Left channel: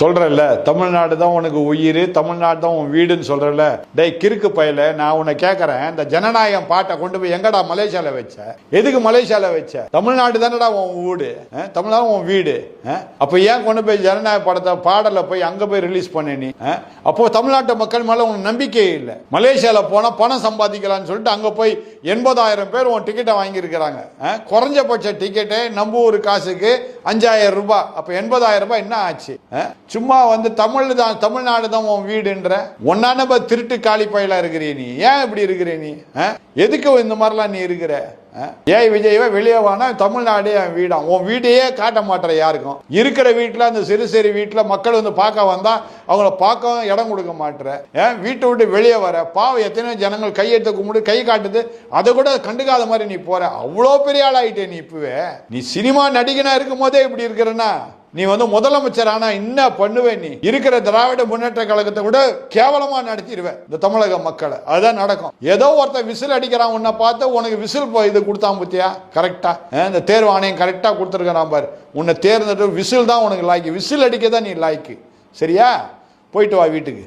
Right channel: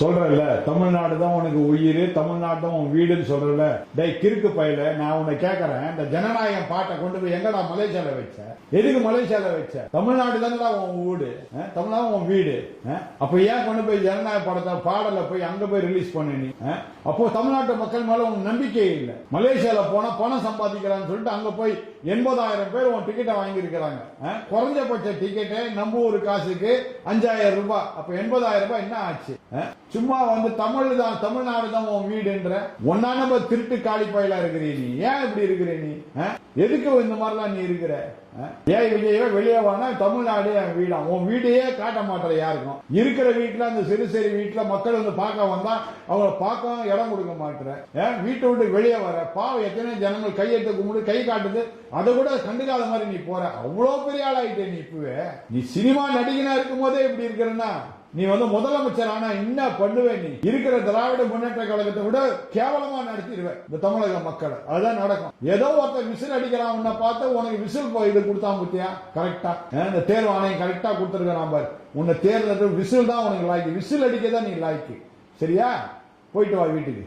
சொல்றல தமிழ்நாடு தான் உனக்கு உயிர், தமிழ்நாடு தான் உன் வீடுன்னு சொல்றல. டேய் கிறுக்கு பயல, நான் உன்னை கேட்கறேன், இந்த ஜனநாயகம் பாட்டை கொண்டு போய் எங்கடா மலேசியால வச்ச? எதுக்கு மலேசியால வச்ச? தமிழ்நாடு தானடா உன் வீடு, தமிழ்நாடு உன் வீடு. அப்ப ஏன் கொண்டு போய் ஜனநாயக படத்தை பாடல போய் அங்க போய் ரிலீஸ் பண்ண நீ? அப்போ தமிழ்நாட்டு மக்கள் மேல உனக்கு நம்பிக்கையே இல்லை. மலேசியால போனா பணம் சம்பாதிக்கலாம்னு சொல்லிட்டு அங்க போய் 80,000 பேர் உன் டிக்கெட்டை வாங்கியிருக்கிறாங்க. குறைஞ்சபட்ச டிக்கெட்டே நம்ம ஊர் காசுக்கு 5,000 ரூபாய். அப்ப 80,000 ரூபாய் என்ன ஆச்சு? சும்மா வந்து தமிழ்நாடு தான் உன் வீடுன்ற ஒன்னான திருட்டு காலி பயிலா இருக்கிறீ நீ. ஏன் இப்படி இருக்கிற நீ? எதுக்கு இந்த மாதிரிலாம் நீ இருக்கிற? ஏய் விஜயவே வெளியே வானா, தமிழ்நாடே என் வீடா. உன் வீட்டையே காட்ட மாட்டேற யாருக்கும். இருக்கிற வீட்டில் அந்த சிறு சிறு வீட்டில் மக்கள் வந்து பார்க்க வந்தா அவங்கள பார்க்க இடம் கொடுக்க மாட்டேற. வீட்டை விட்டு வெளியே வர பாவம் எத்தனையோ ஜனங்கள் கையெடுத்து கும்பிட்டு கை காட்டுது, அதை கூட கண்டுக்காத மாதிரி நீ போற. அவ்வளோ பெரிய ஆளாயிட்டே நீ. இப்பவே நீ சினிமா நடிகனா இருக்கும் போதே இப்படி இருக்கிறன்னா நீ வந்து முதலமைச்சர் ஆனா என்ன பண்ணுவேன்? நீ இருக்கிற திராவிட முன்னேற்ற கழகத்தை கூட கேவலமா நடத்திடுவேன் இந்த தமிழக மக்களை. அதுதான் நடக்கும். ஏதோ ஒருத்தர் விசில் அடிக்கிறான், உன்னை பார்த்து உனக்கு விசில் இது கொடுத்தான் பத்தியா? கரெக்டா இந்த தேர்வு ஆணையம் கரெக்டா கொடுத்துருக்கிறான் பாரு. உன்னை தேர்ந்தெடுத்து விசில் தான் உனக்கு லாய்க்கு. விசில் அடிக்க தான் நீ லாய்க்கு. சரியா? போயிட்டு வா வீட்டுக்கு.